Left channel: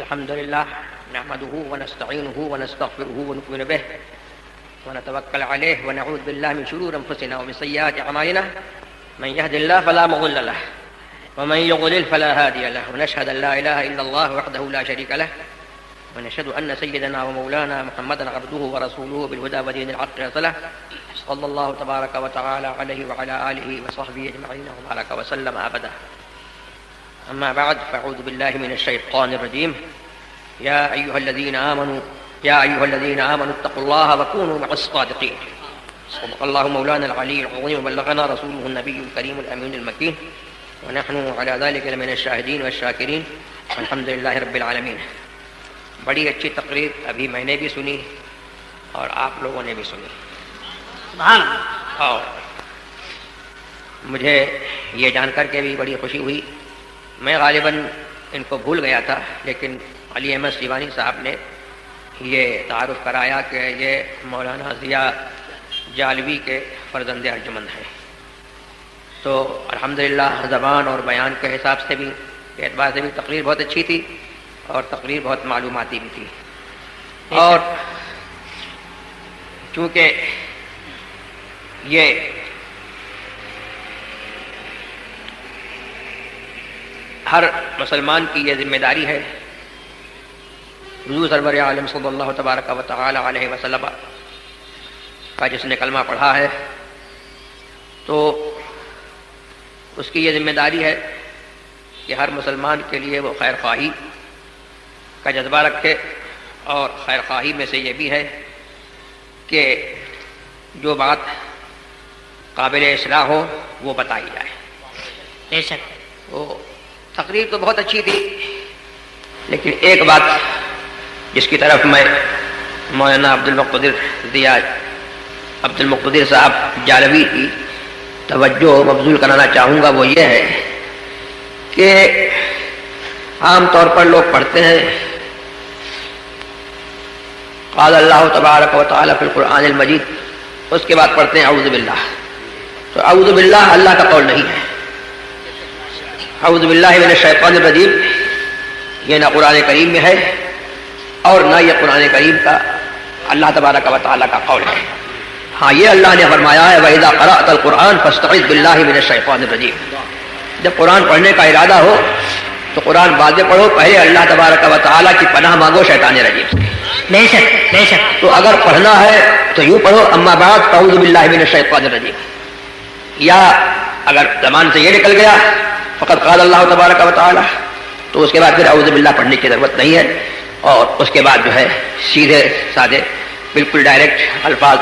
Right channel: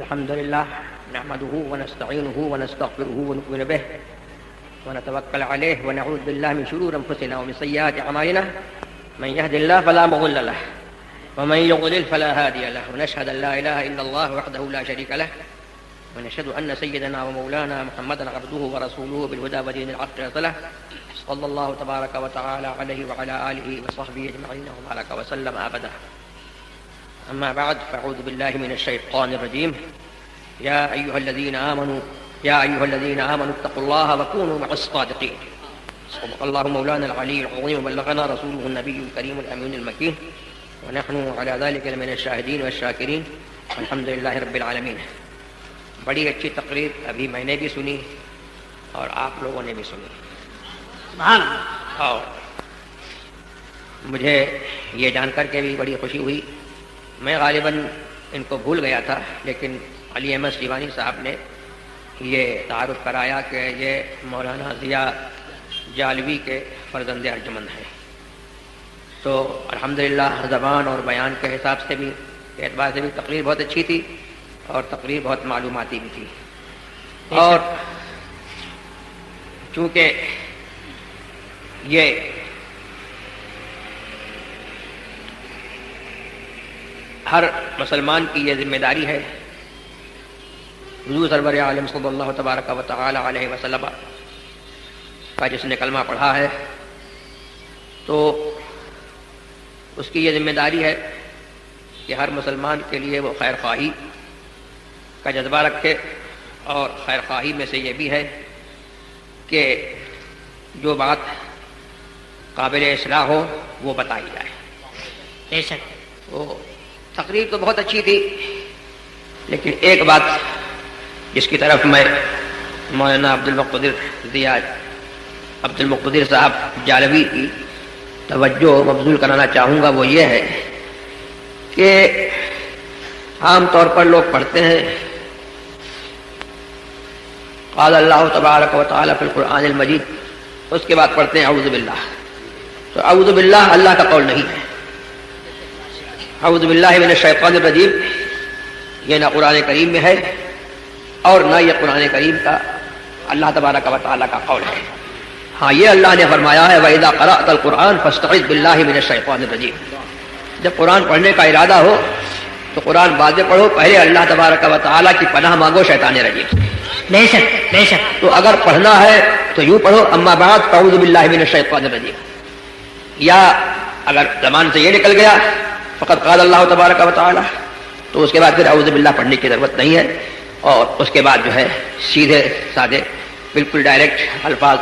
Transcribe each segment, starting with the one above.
الحمد لله نحمده ونستعينه ونستغفره ونؤمن به ونتوكل عليه ونعوذ بالله من شرور أنفسنا ومن سيئات أعمالنا من يهد الله فلا مضل له ومن يضلل فلا هادي له ونشهد أن لا إله إلا الله وحده لا شريك له ونشهد أن سيدنا ومولانا محمدا عبده ورسوله بالهدى ودين الحق رسله صلى الله تبارك وتعالى عليه وعلى آله وصحبه أجمعين وبارك وسلم أبدا. أما بعد فأعوذ بالله من الشيطان الرجيم. يا أيها الذين آمنوا اتقوا الله وكونوا مع الصادقين. صدق الله مولانا العلي العظيم وبلغنا رسوله النبي الكريم الأمين المكين ونحن على ذلك لمن الشاهدين والشاكرين الحمد لله رب العالمين. بڑی اچھی تقریر ابھی میں نے بھی سنی اور آپ لوگوں نے بھی سنی. اور مجھے یہ جان کر کے بھی بڑی خوشی ہوئی. میں غالباً ان کو بھول گیا تھا لیکن علی احمد سیوانی صاحب نے یہ تعارف کرایا کہ یہ مولانا ضیاء جالوی کے فرزند ارجمند ہیں. تو الحمدللہ زبان اور بیان کے حساب سے بھی اعتبار سے بھی تقریر بہت اچھی تھی اور تقریر بہت معلوماتی بھی تھی. اور چونکہ یہ ہر مسلمان کی یہ ذمہ داری ہے حضور سرور عالم صلی اللہ تبارک و تعالی علیہ وسلم کا جس نے کلمہ پڑھا ہے تو اس کی یہ ذمہ داری ہے کہ ہر مسلمان کے لیے وہ خیر خواہی کا جذبہ رکھے. اور خیر خواہی میں سے یہ بھی ہے کہ جو بات قابل اصلاح ہو وہ بتائی جائے. بے شک وہ تقریر تو بہت اچھی تھی لیکن ایک بات جس کی طرف میں مولانا عبد المقتدر صاحب جالوی کی توجہ مبذول کرانا چاہوں گا وہ یہ ہے کہ عام طور پر لوگ پڑھتے ہیں قال اللہ تبارک و تعالی فی القرآن المجید، اس کے بعد پڑھتے ہیں اعوذ باللہ. تو اعوذ باللہ اللہ کا قول نہیں ہے. اعوذ باللہ من الشیطان الرجیم یہ نہ قرآن کریم میں ہے اور نہ یہ قرآن کریم کا اللہ تبارک و تعالی کا قول ہے. ہاں یہ اللہ نے فرمایا ہے وَإِذَا قَرَأْتَ الْقُرْآنَ فَاسْتَعِذْ بِاللَّهِ مِنَ الشَّيْطَانِ الرَّجِيمِ. جب قرآن پڑھنے کا ارادہ ہو تو قرآن بعد میں پڑھو، پہلے اللہ تبارک و تعالی کی پناہ مانگو شیطان رجیم سے. بے شک بے شک. تو اگر پڑھنا ہے تو یوں پڑھو اما بعد اعوذ باللہ من الشیطان الرجیم. یا اگر زبان سے یہ نکل گیا فقط قال اللہ تبارک و تعالی تو اس کے بعد پھر اعوذ باللہ پڑھنے کی ضرورت نہیں ہے. اور اس کے بعد جو ہے سیدھے سادے بالکل ڈائریکٹ الفاظ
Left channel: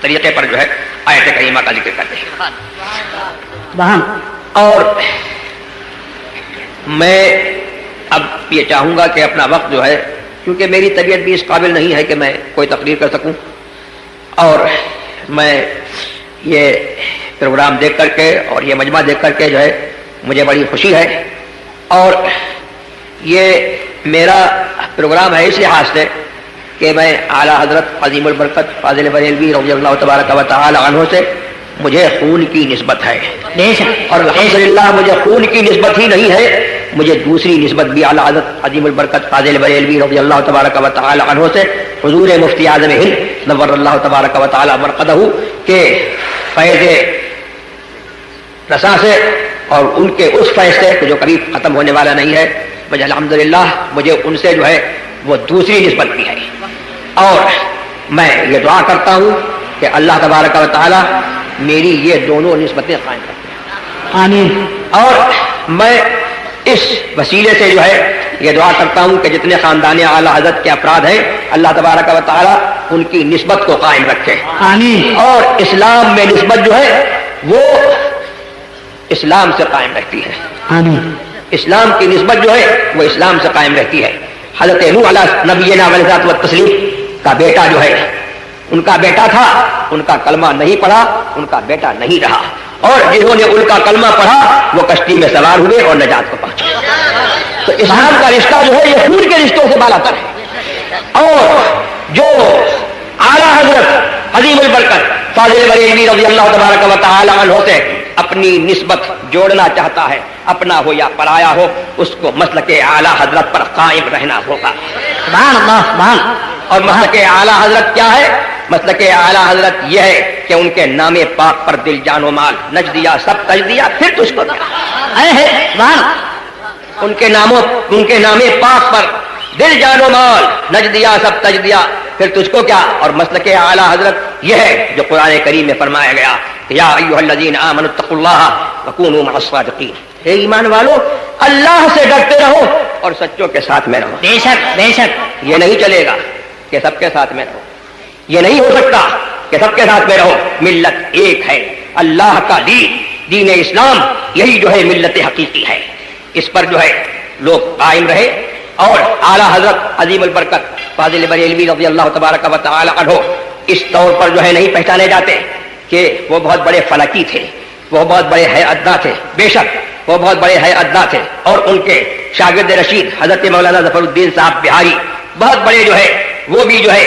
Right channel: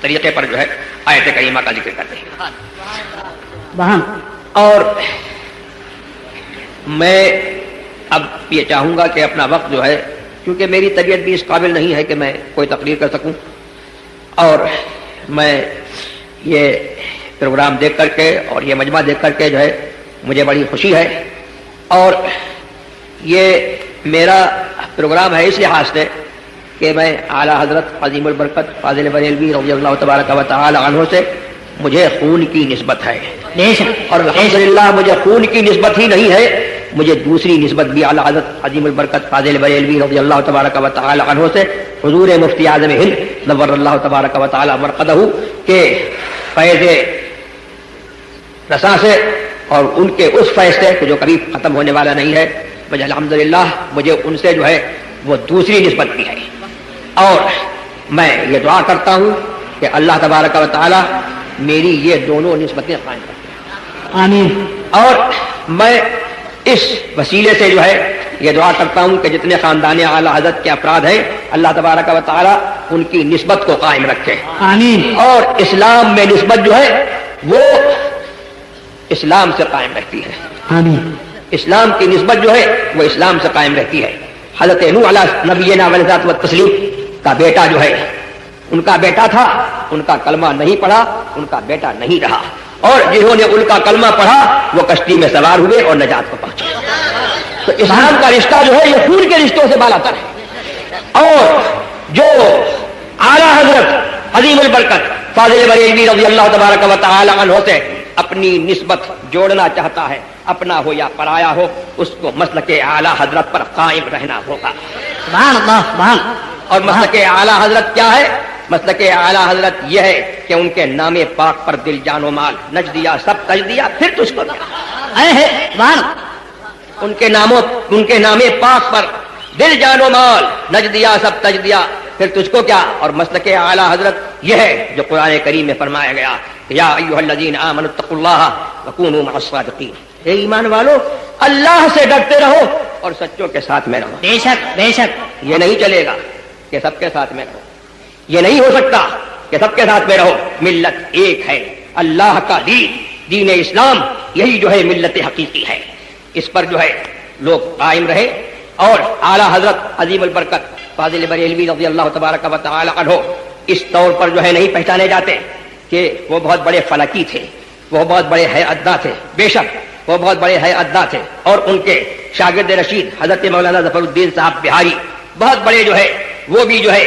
طریقے پر جو ہے آیت کریمہ کا ذکر کرتے ہیں. اور میں اب یہ چاہوں گا کہ اپنا وقت جو ہے کیونکہ میری طبیعت بھی اس قابل نہیں ہے کہ میں کوئی تقریر کر سکوں اور میں یہ پروگرام دیکھ کر کے اور یہ مجمع دیکھ کر کے جو ہے مجھے بڑی خوشی ہے. اور یہ میرا پروگرام ہے اس لحاظ سے کہ میں اعلیٰ حضرت عظیم البرکت فاضل بریلوی رضی اللہ تبارک و تعالی عنہ سے مجھے خون کی نسبت ہے. اور الحمدللہ مجھے خون کی نسبت ہی نہیں ہے، مجھے دوسری نسبت بھی اعلیٰ حضرت عظیم البرکت فاضل بریلوی رضی اللہ تبارک و تعالی عنہ سے حضور مفتی اعظم ہند نور اللہ تبارک و تعالی مرقدہ کے فیض رسا سے اور ان کے اس فیض سے جو قریب ختم ہونے والا نہیں ہے مجھے الحمدللہ مجھے ان سے جو ہے وہ دوسری نسبت بھی ہے. اور میں یہ دعا کرتا ہوں کہ اللہ تبارک و تعالی میری یہ دونوں نسبتیں قائم رکھیں. آمین. اور میں اس وسیلے سے جو ہے یہ دعا کرتا ہوں کہ جتنے خاندان اعلیٰ حضرت کے افراد ہیں اللہ تبارک و تعالی ان کی نسبت کو قائم رکھے. آمین. اور اسلام میں نسبت جو ہے وہ اسلام سے قائم رہتی ہے. آمین. اسلام کی نسبت جو ہے وہ اسلام سے قائم رہتی ہے. حضرت نوح علیہ نبینا علیہ الصلوۃ والتسلیم کا بیٹا جو ہے ان کا بیٹا تھا، ان کا کلمہ نہیں پڑھا، ان کا بیٹا نہیں رہا. اور جنہوں نے ان کا کلمہ پڑھا وہ کشتی میں سوار ہوئے اور نجات کو پہنچے. تو اسلام کا رشتہ جو ہے یہ خون کے رشتوں سے بالا تر ہے. اور جو اعلیٰ حضرت عظیم البرکت فاضل بریلوی رضی اللہ تبارک و تعالی عنہ سے اپنی نسبت جوڑنا چاہتا ہے، اپنا ہو یا پرایا ہو، اس کو مسلک اعلیٰ حضرت پر قائم رہنا ہوگا۔ سبحان اللہ سبحان۔ اور مسلک اعلیٰ حضرت کیا ہے؟ مسلک اعلیٰ حضرت یہ ہے کہ ان کے نام پاک پر دل جان و مال نچ دیا، سب تج دیا، پھر تجھ کو کیا؟ سبحان۔ ان کے نام پاک پر دل جان و مال نچ دیا، سب تج دیا، پھر تجھ کو کیا؟ اور مسلک اعلیٰ حضرت یہ ہے جو قرآن کریم میں فرمایا گیا، یا ایھا الذین آمنوا اتقوا اللہ وکونوا مع الصادقین، اے ایمان والو اللہ سے ڈرتے رہو اور سچوں کے ساتھ میں رہو۔ بے شک بے شک۔ یہ نہیں چلے گا کہ سب کے ساتھ میں رہو، یہ نہیں ہو سکتا کہ سب کے ساتھ میں رہو۔ ملت ایک ہے، اللہ کا دین اسلام، یہی جو ہے ملت حقیقی ہے، اس پر جو ہے لوگ قائم رہے۔ اور اعلیٰ حضرت عظیم البرکت فاضل بریلوی رضی اللہ تبارک و تعالی عنہ اس طور پر جو ہے نہیں پہچانے جاتے کہ وہ بہت بڑے فلکی تھے، وہ بہت بڑے حیاتداں تھے، بے شک وہ بہت بڑے حیاتداں تھے، اور ان کے شاگرد رشید حضرت مولانا ظفر الدین صاحب بہاری بہت بڑے جو ہے وہ بھی جو ہے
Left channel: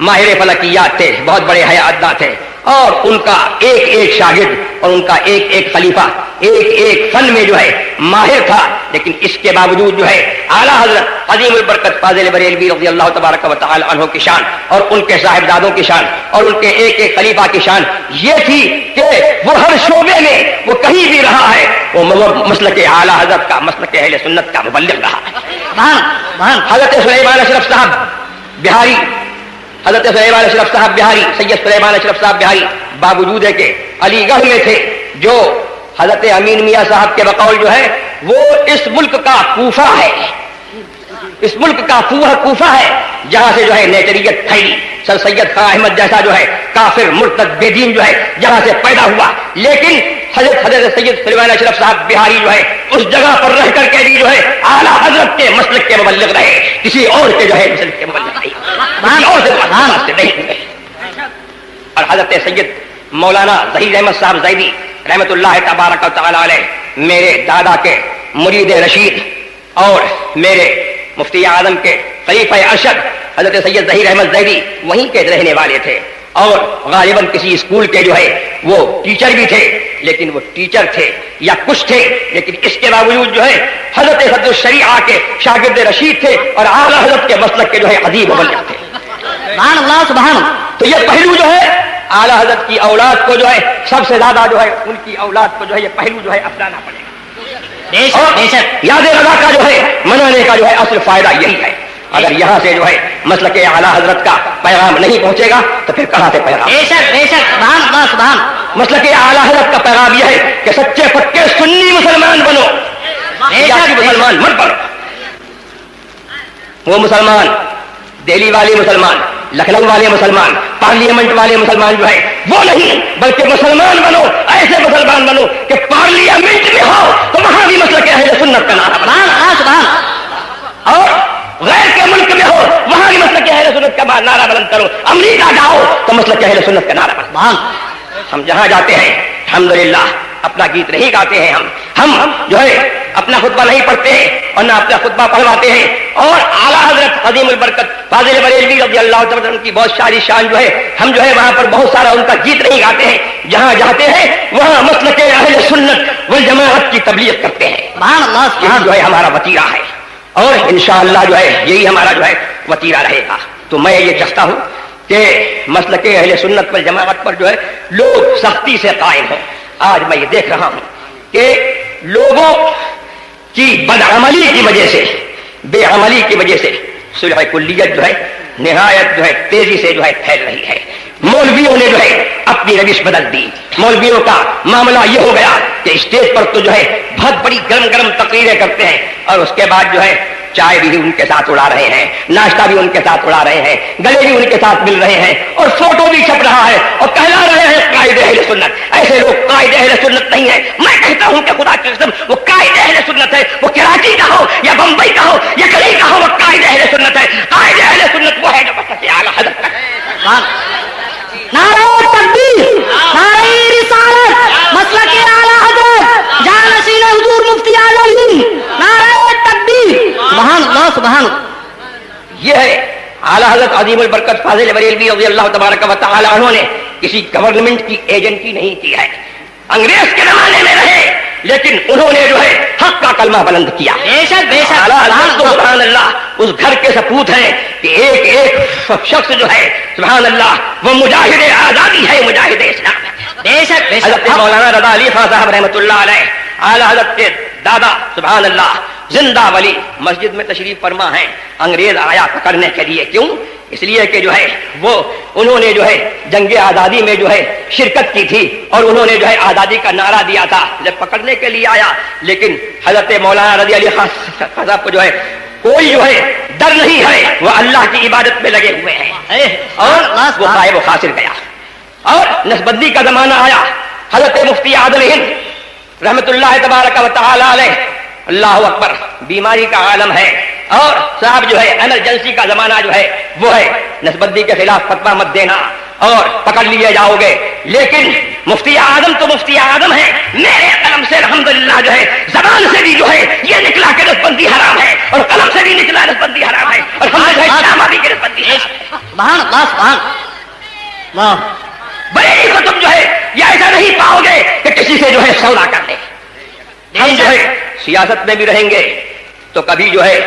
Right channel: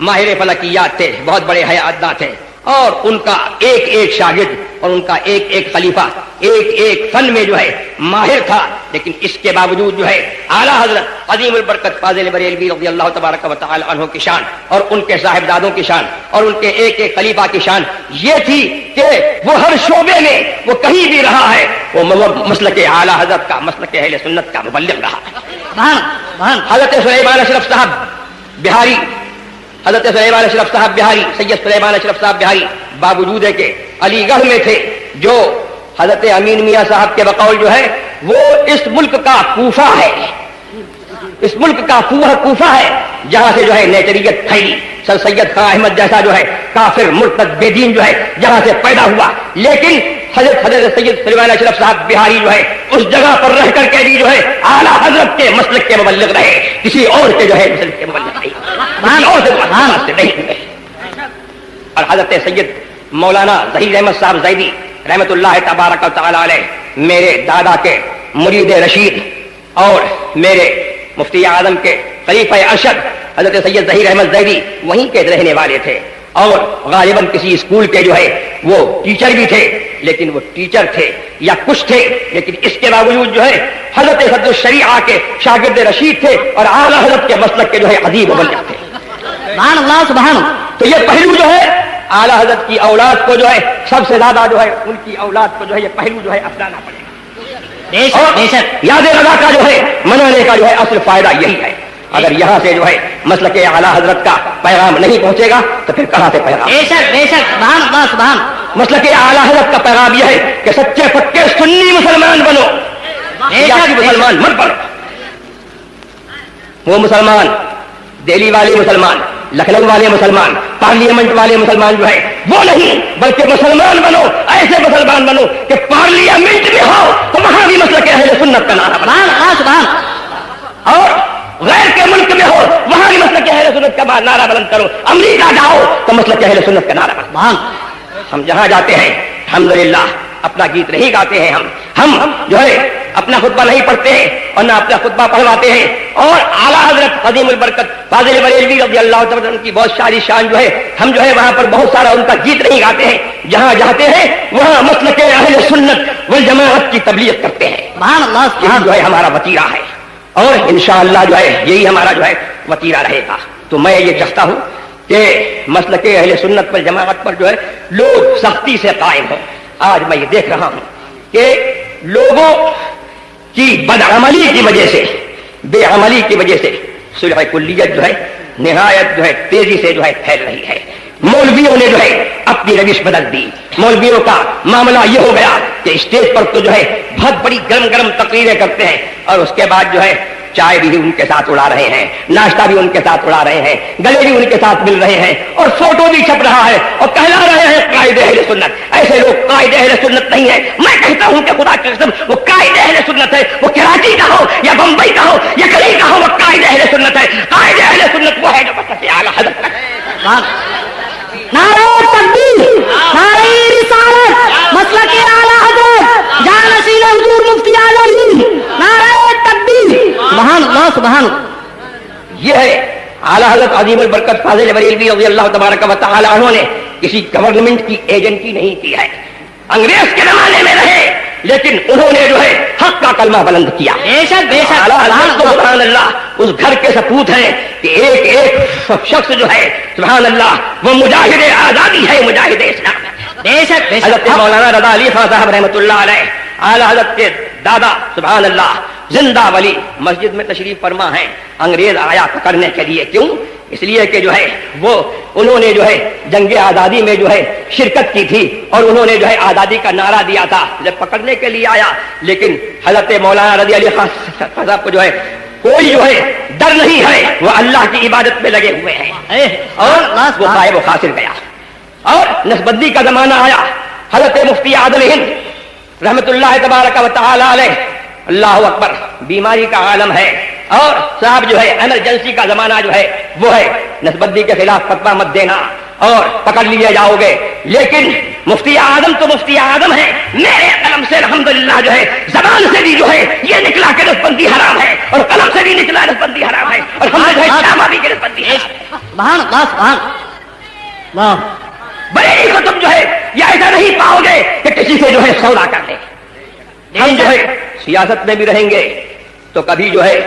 ماہر فلکیات تھے، بہت بڑے حیاتداں تھے، اور ان کا ایک ایک شاگرد اور ان کا ایک ایک خلیفہ ایک ایک فن میں جو ہے ماہر تھا، لیکن اس کے باوجود جو ہے اعلیٰ حضرت عظیم البرکت فاضل بریلوی رضی اللہ تبارک و تعالی عنہ کی شان اور ان کے صاحبزادوں کی شان اور ان کے ایک ایک خلیفہ کی شان یہ تھی کہ وہ ہر شعبے میں وہ کہیں بھی رہا ہے، وہ مسلک اعلیٰ حضرت کا، مسلک اہل سنت کا مبلغ رہا۔ حضرت سلیمان اشرف صاحب بہاری، حضرت سلیمان اشرف صاحب بہاری، سید سلیمان اشرف صاحب بہاری باوجود ہے کہ علی گڑھ میں تھے، جو حضرت امین میاں صاحب کے بقول جو ہے وہ اس ملک کا کوفہ ہے، اس ملک کا کوفہ ہے جہاں سے جو ہے نیچریت پھیلی، سر سید خان احمد جیسا جو ہے کافر مرتد بے دین جو ہے جہاں سے پیدا ہوا، لیکن حضرت سید سلیمان اشرف صاحب بہاری جو ہے اس جگہ پر رہ کر کے بھی جو ہے اعلیٰ حضرت کے مسلک کے مبلغ رہے، کسی اور کے جو ہے مسلک کے مبلغ رہے، کسی اور سے نہیں ہوئے۔ اور حضرت سید مولانا ظہیر احمد صاحب زیدی رحمت اللہ تبارک و تعالی علیہ میرے دادا کے مرید رشید اور میرے مفتی اعظم کے خلیفہ ارشد حضرت سید ظہیر احمد زیدی وہیں کے رہنے والے تھے، اور غالباً کسی اسکول کے جو ہے وہ ٹیچر بھی تھے، لیکن وہ ٹیچر تھے یا کچھ تھے، لیکن اس کے باوجود جو ہے حضرت حد الشریعہ کے شاگرد رشید تھے اور اعلیٰ حضرت کے مسلک کے جو ہے عظیم مبلغ تھے۔ سبحان اللہ سبحان۔ تو یہ پہلو جو ہے اعلیٰ حضرت کی اولاد کو جو ہے سب سے زیادہ جو ہے ان کی اولاد کو جو ہے یہ پہلو جو ہے اپنانا پڑے گا، اور یاد رضا کا جو ہے منانے کا جو ہے اصل فائدہ یہی ہے۔ اگر یہاں سے جو ہے مسلک اعلیٰ حضرت کا پیغام نہیں پہنچے گا تو پھر کہاں سے پیغام؟ بے شک بے شک، سبحان اللہ سبحان۔ مسلک اعلیٰ حضرت کا پیغام یہ ہے کہ سچے پکے سنی مسلمان بنو، مسلمان مت بنو۔ وہ مسلمان دہلی والے مسلمان، لکھنؤ والے مسلمان، پارلیمنٹ والے مسلمان جو ہے وہ نہیں، بلکہ مسلمان بنو، ایسے مسلمان بنو کہ پارلیمنٹ میں ہو تو وہاں بھی مسلک اہل سنت کا نعرہ بلند، اور غیر کے ملک میں ہو وہاں بھی مسلک اہل سنت کا نعرہ بلند کرو، امریکہ جاؤ تو مسلک اہل سنت کا نعرہ بلند۔ ہم جہاں جاتے ہیں الحمدللہ اپنا گیت نہیں گاتے ہیں، ہم جو ہے اپنا خطبہ نہیں پڑھتے ہیں اور نہ اپنا خطبہ پڑھواتے ہیں، اور اعلیٰ حضرت عظیم البرکت فاضل بریلوی رضی اللہ تعالیٰ عنہ کی بہت ساری شان جو ہے ہم جو ہے وہاں پر بہت سارا ان کا گیت نہیں گاتے ہیں، جہاں جاتے ہیں وہاں مسلک اہل سنت والجماعت کی تبلیغ کرتے ہیں۔ یہی جو ہے ہمارا وتیرہ ہے، اور انشاءاللہ جو ہے یہی ہمارا جو ہے وتیرہ رہے گا۔ تو میں یہ چاہتا ہوں کہ مسلک اہل سنت پر جماعت پر جو ہے لوگ سختی سے قائم ہوں۔ آج میں یہ دیکھ رہا ہوں کہ لوگوں کی بدعملی کی وجہ سے، بے عملی کی وجہ سے صلح کلیت جو ہے نہایت جو ہے تیزی سے جو ہے پھیل رہی ہے۔ مولویوں نے جو ہے اپنی روش بدل دی، مولویوں کا معاملہ یہ ہو گیا کہ اسٹیج پر تو جو ہے بہت بڑی گرم گرم تقریریں کرتے ہیں، اور اس کے بعد جو ہے چائے بھی ان کے ساتھ اڑا رہے ہیں، ناشتہ بھی ان کے ساتھ اڑا رہے ہیں، گلے بھی ان کے ساتھ مل رہے ہیں، اور فوٹو بھی چھپ رہا ہے اور کہلا رہے ہیں قائد اہل سنت۔ ایسے لوگ قائد اہل سنت نہیں ہے، میں کہتا ہوں کہ خدا کی قسم وہ قائد اہل سنت ہے، وہ کراچی کا ہو یا بمبئی کا ہو یا کہیں کا ہو، وہ قائد اہل سنت ہے۔ قائد اہل سنت وہ ہے جو مسلک اعلیٰ حضرت کا نعرہ تکبیر، نعرہ رسالت، مسلک اعلیٰ حضرت، جانشین حضور مفتی اعظم، نعرہ تکبیر، سبحان اللہ سبحان۔ یہ ہے اعلیٰ حضرت عظیم البرکت فاضل بریلوی رضی اللہ تبارک و تعالی عنہ نے کسی گورنمنٹ کی ایجنسی نہیں کی ہے، انگریز کے زمانے میں رہے لیکن انہوں نے جو ہے حق کا کلمہ بلند کیا. بے شک بے شک. سبحان اللہ اس گھر کے سپوت ہیں کہ ایک ایک شخص جو ہے سبحان اللہ وہ مجاہد آزادی ہے, مجاہد اسلام ہے. بے شک بے شک. حضرت مولانا رضا علی خان صاحب رحمۃ اللہ علیہ اعلی حضرت کے دادا سبحان اللہ زندہ ولی مسجد میں تشریف فرما ہے. انگریز آیا پکڑنے کے لیے, کیوں؟ اس لیے کہ جو ہے وہ انہوں نے جو ہے جنگ آزادی میں جو ہے شرکت کی تھی اور انہوں نے جو ہے آزادی کا نعرہ دیا تھا. جب پکڑنے کے لیے آیا لیکن حضرت مولانا رضی علی خان صاحب کو جو ہے کوئی جو ہے ڈر نہیں ہے, وہ اللہ کی عبادت میں لگے ہوئے ہیں اور وہ صاحب و خاسر گیا. اور نسبندی کا زمانہ آیا, حضرت مفتی عادل ہند رحمت اللہ تبارک و تعالی علیہ, اللہ اکبر, بیماری کا عالم ہے اور صاحب جو ہے ایمرجنسی کا زمانہ جو ہے وہ ہے نسبندی کے خلاف فتویٰ مت دینا اور پکڑ لیے جاؤ گے. لیکن مفتی اعظم تو مفتی اعظم ہے, میرے قلم سے الحمدللہ جو ہے زبان سے بھی جو ہے یہ نکلا کہ نسبندی حرام ہے اور قلم سے بھی نکلا نسبندی حرام ہے اور ہم جو ہے اسلام آبادی کی نسبندی ہے. سبحان اللہ سبحان اللہ. بڑے کو تم جو ہے یہ ایسا نہیں پاؤ گے کہ کسی سے جو ہے سودا کر لے. ہم جو ہے سیاست میں بھی رہیں گے تو کبھی جو ہے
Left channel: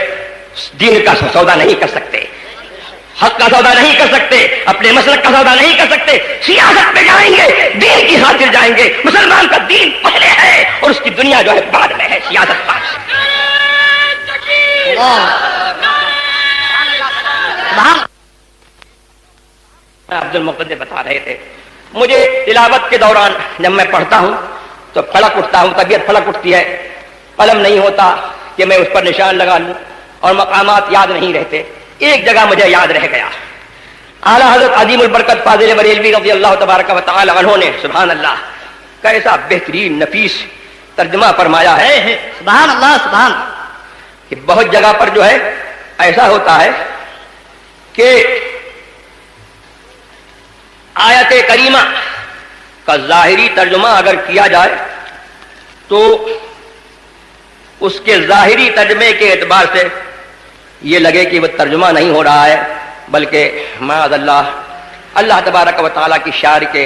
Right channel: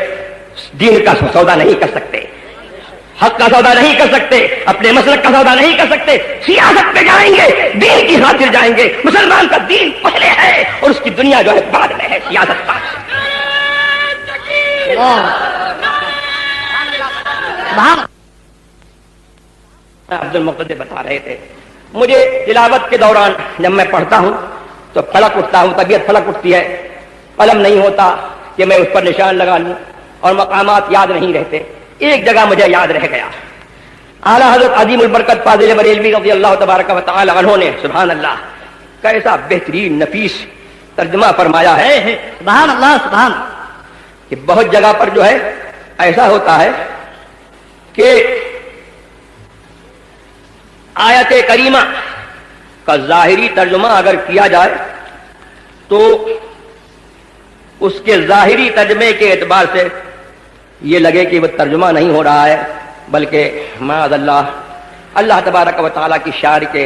دین کا سودا نہیں کر سکتے, حق کا سودا نہیں کر سکتے, اپنے مسلک کا سودا نہیں کر سکتے. سیاست میں جائیں گے دین کی خاطر جائیں گے. مسلمان کا دین پہلے ہے اور اس کی دنیا جو ہے بعد میں ہے, سیاست بعد. عبد المقتدر بتا رہے تھے مجھے تلاوت کے دوران جب میں پڑھتا ہوں تو پھڑک اٹھتا ہوں, طبیعت پھڑک اٹھتی ہے, قلم نہیں ہوتا کہ میں اس پر نشان لگا لوں اور مقامات یاد نہیں رہتے. ایک جگہ مجھے یاد رہ گیا, اعلیٰ حضرت عظیم البرکت فاضل بریلوی رضی اللہ تبارک و تعالی عنہ نے سبحان اللہ کیسا بہترین نفیس ترجمہ فرمایا ہے. سبحان اللہ سبحان. کہ بہت جگہ پر جو ہے ایسا ہوتا ہے کہ آیت کریمہ کا ظاہری ترجمہ اگر کیا جائے تو اس کے ظاہری ترجمے کے اعتبار سے یہ لگے کہ وہ ترجمہ نہیں ہو رہا ہے بلکہ معاذ اللہ اللہ تبارک و تعالیٰ کی شعر کے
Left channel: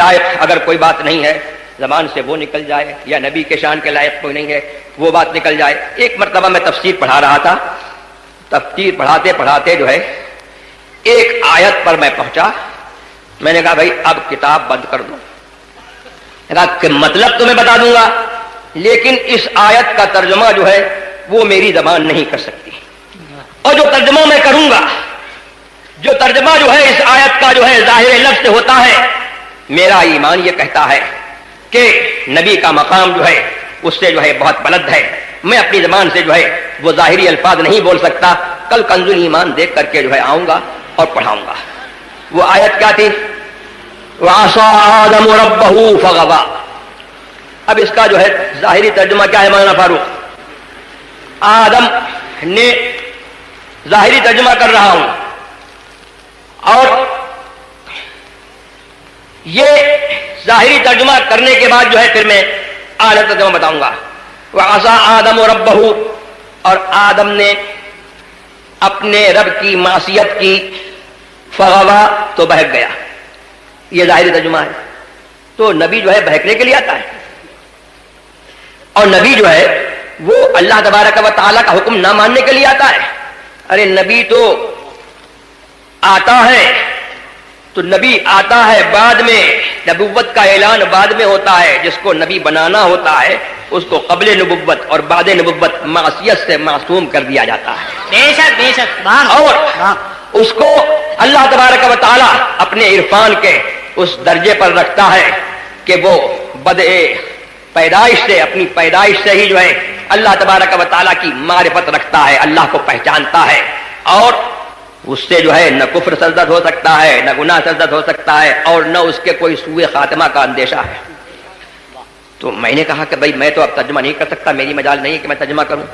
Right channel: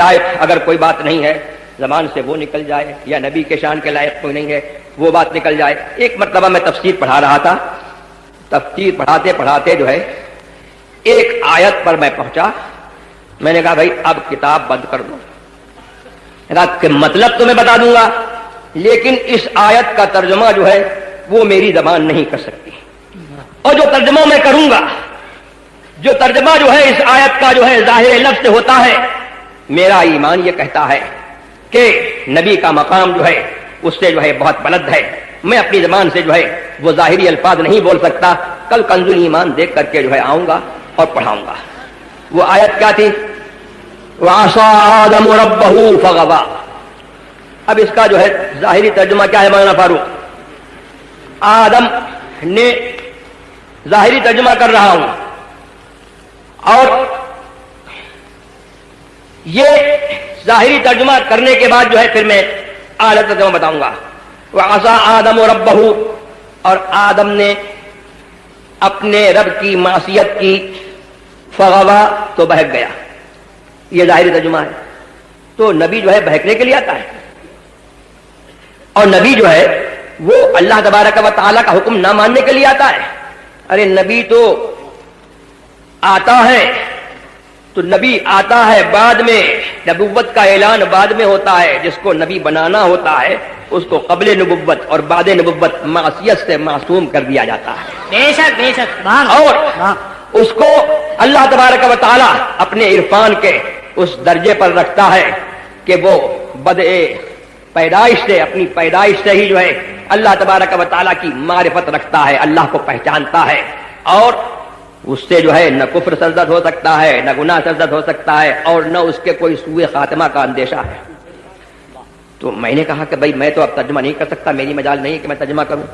لائق اگر کوئی بات نہیں ہے زبان سے وہ نکل جائے, یا نبی کے شان کے لائق کوئی نہیں ہے وہ بات نکل جائے. ایک مرتبہ میں تفسیر پڑھا رہا تھا, تفسیر پڑھاتے پڑھاتے جو ہے ایک آیت پر میں پہنچا. میں نے کہا بھائی اب کتاب بند کر دو, کہ مطلب تو میں بتا دوں گا لیکن اس آیت کا ترجمہ جو ہے وہ میری زبان نہیں کر سکتی, اور جو ترجمہ میں کروں گا, جو ترجمہ جو ہے اس آیت کا جو ہے ظاہر لفظ سے ہوتا ہے, میرا ایمان یہ کہتا ہے کہ نبی کا مقام جو ہے اس سے جو ہے بہت بلند ہے. میں اپنی زبان سے جو ہے وہ ظاہری الفاظ نہیں بول سکتا. کل کنز ایمان دیکھ کر کے جو ہے آؤں گا اور پڑھاؤں گا. وہ آیت کیا تھی؟ وَعَصَىٰ آدَمُ رَبَّهُ فَغَوَىٰ. اب اس کا جو ہے ظاہری ترجمہ کیا ہے مولانا فاروق؟ آدم نے ظاہری ترجمہ کر رہا ہوں اور یہ ظاہری ترجمہ کرنے کے بعد جو ہے پھر میں اعلیٰ ترجمہ بتاؤں گا. وَعَصَىٰ آدَمُ رَبَّهُ, اور آدم نے اپنے رب کی معصیت کی, فغوا تو بہک گیا. یہ ظاہری ترجمہ ہے. تو نبی جو ہے بہکنے کے لیے آتا ہے اور نبی جو ہے وہ اللہ تبارک و تعالیٰ کا حکم نہ ماننے کے لیے آتا ہے. ارے نبی تو آتا ہے تو نبی آتا ہے بعد میں, نبوت کا اعلان بعد میں ہوتا ہے. جس کو نبی بنانا ہوتا ہے اس کو قبل نبوت اور بعد نبوت معصیت سے معصوم کر دیا جاتا ہے. بے شک بے شک. اور اس کو اللہ تبارک و تعالیٰ اپنے عرفان کے اس درجے پر رکھتا ہے کہ وہ بدء پیدائش سے, اپنی پیدائش سے ہی جو ہے اللہ تبارک و تعالیٰ کی معرفت رکھتا ہے, اللہ کو پہچانتا ہے, اور اس سے جو ہے نہ کفر سرزد ہو سکتا ہے, نہ گناہ سرزد ہو سکتا ہے, اور نہ اس کے کوئی سوء خاتمہ کا اندیشہ ہے. تو میں نے کہا کہ بھائی میں تو اب ترجمہ نہیں کر سکتا, میری مجال نہیں ہے کہ میں ترجمہ کروں.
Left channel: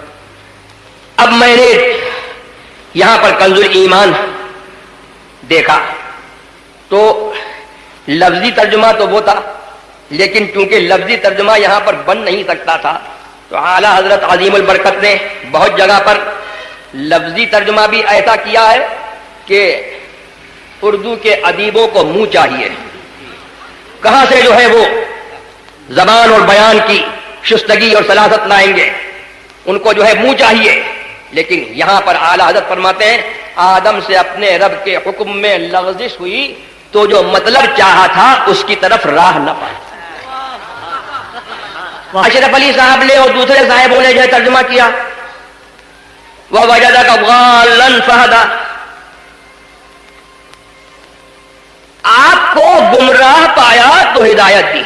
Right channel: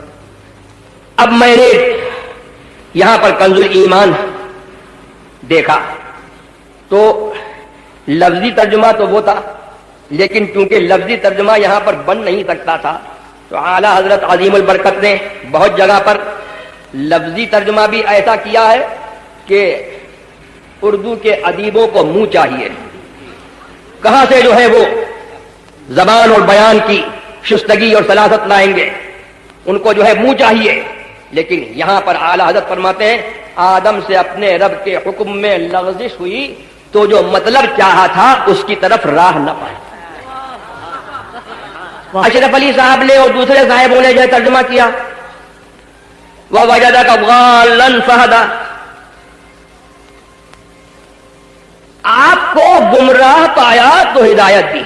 اب میں نے یہاں پر کنز ایمان دیکھا تو لفظی ترجمہ تو وہ تھا, لیکن کیونکہ لفظی ترجمہ یہاں پر بن نہیں سکتا تھا تو اعلیٰ حضرت عظیم البرکت نے بہت جگہ پر لفظی ترجمہ بھی ایسا کیا ہے کہ اردو کے ادیبوں کو منہ چاہیے, کہاں سے جو ہے وہ زبان اور بیان کی شستگی اور سلاست لائیں گے، ان کو جو ہے منہ چاہیے، لیکن یہاں پر اعلیٰ حضرت فرماتے ہیں آدم سے اپنے رب کے حکم میں لغزش ہوئی تو جو مطلب چاہا تھا اس کی طرف راہ نہ پائی۔ اشرف علی صاحب نے اور دوسرے صاحبوں نے جو ہے ترجمہ کیا وَوَجَدَكَ ضَالًّا فَهَدَىٰ، آپ کو گمراہ پایا تو ہدایت دی۔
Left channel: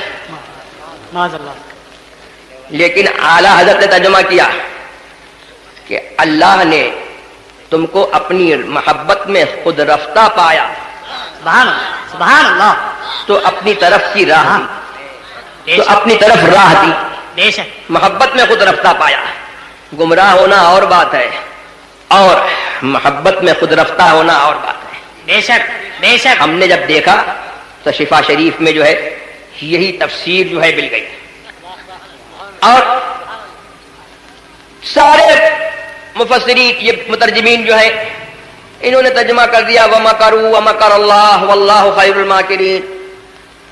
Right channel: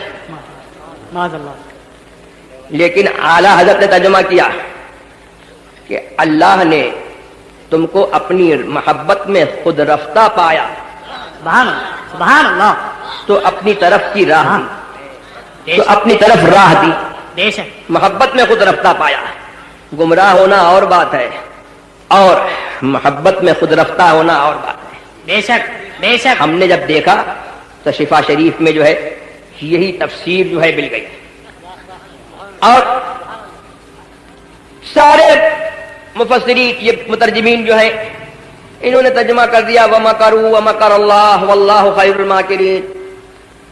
معاذ اللہ۔ لیکن اعلیٰ حضرت نے ترجمہ کیا کہ اللہ نے تم کو اپنی محبت میں خود رفتہ پایا سبحان اللہ، سبحان اللہ، تو اپنی طرف کی راہ دی، بے تو شک، اپنی طرف راہ دی۔ بے شک، محبت میں خود رفتہ پایا، گمراہ ہونا اور بات ہے اور محبت میں خود رفتہ ہونا اور بات ہے۔ بے شک، بے شک، ہم نے جب دیکھا تو شفا شریف میں جو ہے یہی تفسیر جو ہے مل گئی، اور سارے مفسرین یہ مترجمین جو ہے انہوں نے ترجمہ کر دیا وَمَكَرُوا وَمَكَرَ اللَّهُ وَاللَّهُ خَيْرُ الْمَاكِرِينَ،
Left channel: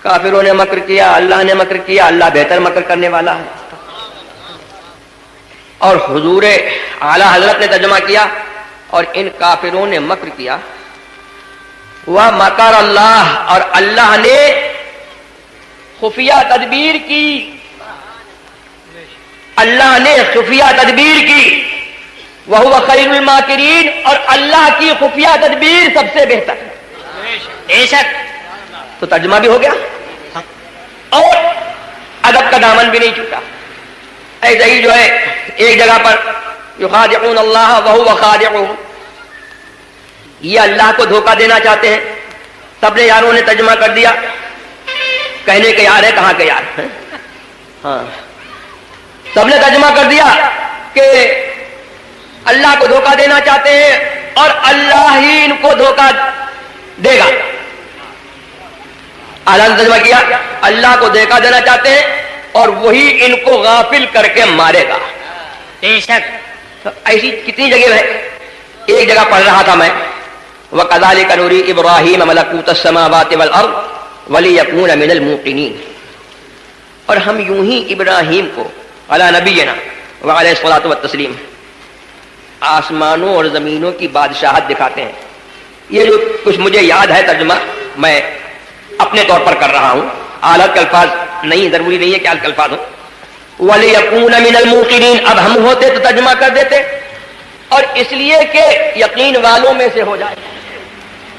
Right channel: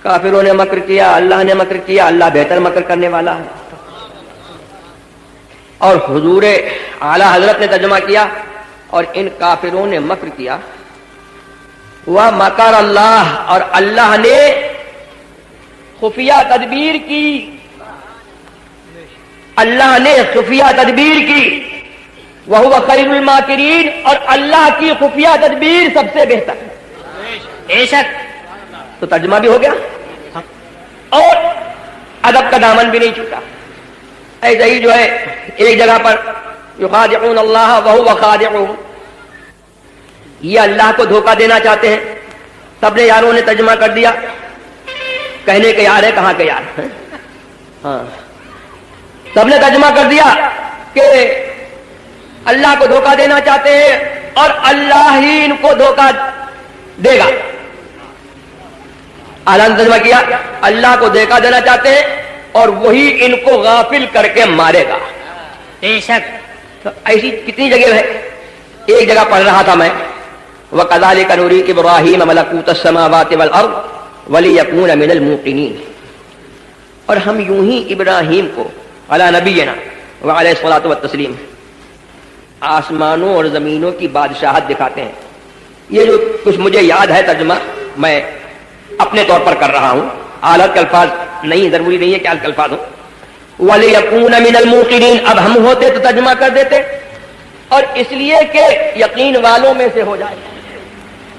کافروں نے مکر کیا، اللہ نے مکر کیا، اللہ بہتر مکر کرنے والا ہے۔ اور حضور اعلیٰ حضرت نے ترجمہ کیا اور ان کافروں نے مکر کیا وَمَكَرَ اللَّهُ، اور اللہ نے خفیہ تدبیر کی، اللہ نے خفیہ تدبیر کی، وَهُوَ خَيْرُ الْمَاكِرِينَ، اور اللہ کی خفیہ تدبیر سب سے بہتر ہے۔ بے شک، تو ترجمہ بھی ہو گیا اور ادب کا دامن بھی نہیں چھوٹا۔ ایسے ہی جو ہے ایک جگہ پر یخادعون اللہ وہو خادعهم، یہ اللہ کو دھوکہ دینا چاہتے ہیں۔ سب نے یاروں نے ترجمہ کر دیا، کہنے کے یار ہے کہاں کے یار ہیں؟ ہاں، سب نے ترجمہ کر دیا کہ اللہ کو دھوکہ دینا چاہتے ہیں اور اللہ ہی ان کو دھوکہ دے گا۔ اعلیٰ نے ترجمہ کیا اللہ کو دھوکہ دینا چاہتے ہیں اور وہی ان کو غافل کر کے مارے گا۔ بے شک، ایسی کتنی جگہ ہے، ایک جگہ پڑھ رہا تھا میں وَكَذَلِكَ نُرِي إِبْرَاهِيمَ مَلَكُوتَ السَّمَاوَاتِ وَالْأَرْضِ وَلِيَكُونَ مِنَ الْمُوقِنِينَ، اور ہم یوں ہی ابراہیم کو علی نبینا وعلیہ الصلاۃ والتسلیم آسمانوں اور زمینوں کی بادشاہت دکھاتے ہیں۔ یہ جو کچھ مجھے یاد ہے ترجمہ میں اپنے طور پر کر رہا ہوں، اعلیٰ کے الفاظ نہیں، ضروری نہیں ہے کہ اعلیٰ کے الفاظ ہوں۔ وَلِيَكُونَ مِنَ الْمُوقِنِينَ، اب ہم ہوتے تو ترجمہ کر دیتے اور اس لیے کہ یقین والوں میں سے ہو جائے،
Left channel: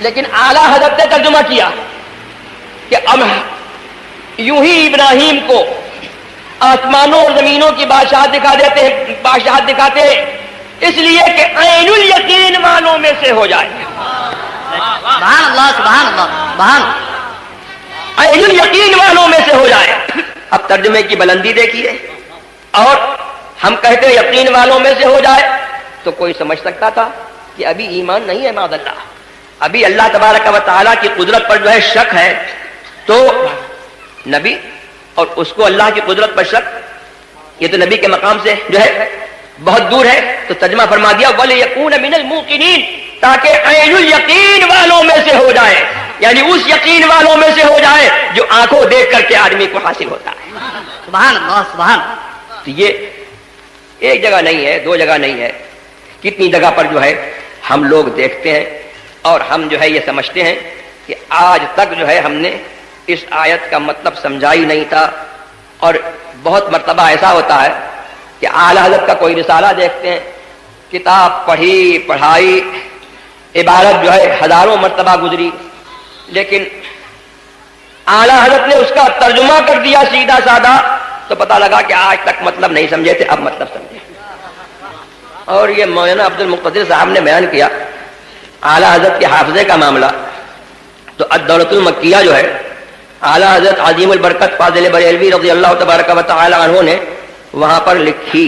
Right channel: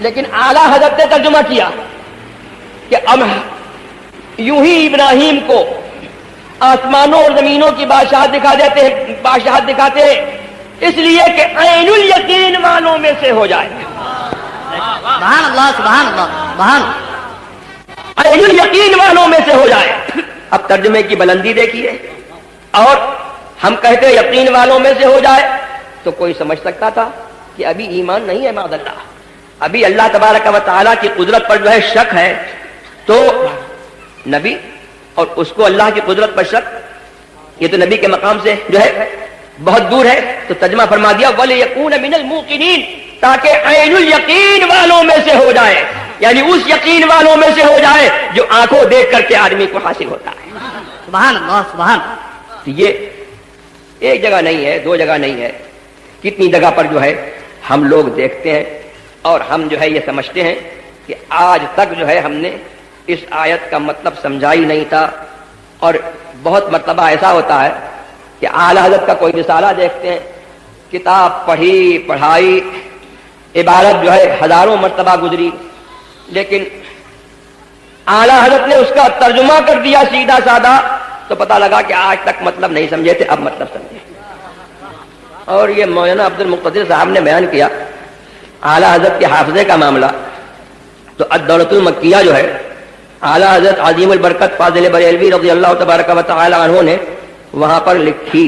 لیکن اعلیٰ حضرت نے ترجمہ کیا کہ اب یوں ہی ابراہیم کو آسمانوں اور زمینوں کی بادشاہت دکھا دیتے ہیں، بادشاہت دکھاتے ہیں اس لیے کہ عین الیقین والوں میں سے ہو جائے۔ سبحان اللہ، سبحان اللہ، سبحان اللہ، عین الیقین والوں میں سے ہو جائے۔ اب ترجمے کی بلندی دیکھیے، اور ہم کہتے یقین والوں میں سے ہو جائے تو کوئی سمجھ سکتا تھا کہ ابھی ایمان نہیں ہے معاذ اللہ، ابھی اللہ تبارک و تعالیٰ کی قدرت پر جو ہے شک ہے، تو نبی اور اس کو اللہ کی قدرت پر شک، یہ تو نبی کے مقام سے جو ہے بہت دور ہے۔ تو ترجمہ فرما دیا وَلِيَكُونَ مِنَ الْمُوقِنِينَ، تاکہ عین الیقین والوں میں سے ہو جائے، یعنی اس یقین والوں میں سے ہو جائے جو آنکھوں دیکھ کر کے آدمی کو حاصل ہوتا ہے۔ سبحان اللہ، سبحان، تو یہ ایک جگہ نہیں ہے، دو جگہ نہیں ہے، کتنی جگہ پر جو ہے ہم لوگ دیکھتے ہیں اور ہم جو ہے یہ سمجھتے ہیں کہ آج تک جو ہے ہم نے اس آیت کا مطلب سمجھا ہی نہیں تھا، اور بہت مرتبہ ایسا ہوتا ہے کہ اعلیٰ حضرت کا کوئی رسالہ دیکھتے ہیں، کتاب پڑھی پڑھائی، عبارت جو ہے ہزاروں مرتبہ گزری، لیکن اعلیٰ حضرت نے اس کا ترجمہ کر دیا سیدھا سادہ، تو پتہ لگا کہ آج تک مطلب نہیں سمجھے تھے، اب مطلب سمجھے۔ اور یہ مولانا عبد المقتدر صاحب نے بیان کیا اعلیٰ حضرت کے حافظے کا معاملہ، تو الدولۃ المکیہ جو ہے اعلیٰ حضرت عظیم البرکت فاضل بریلوی رضی اللہ تبارک و تعالی عنہ نے وہاں پر لکھی،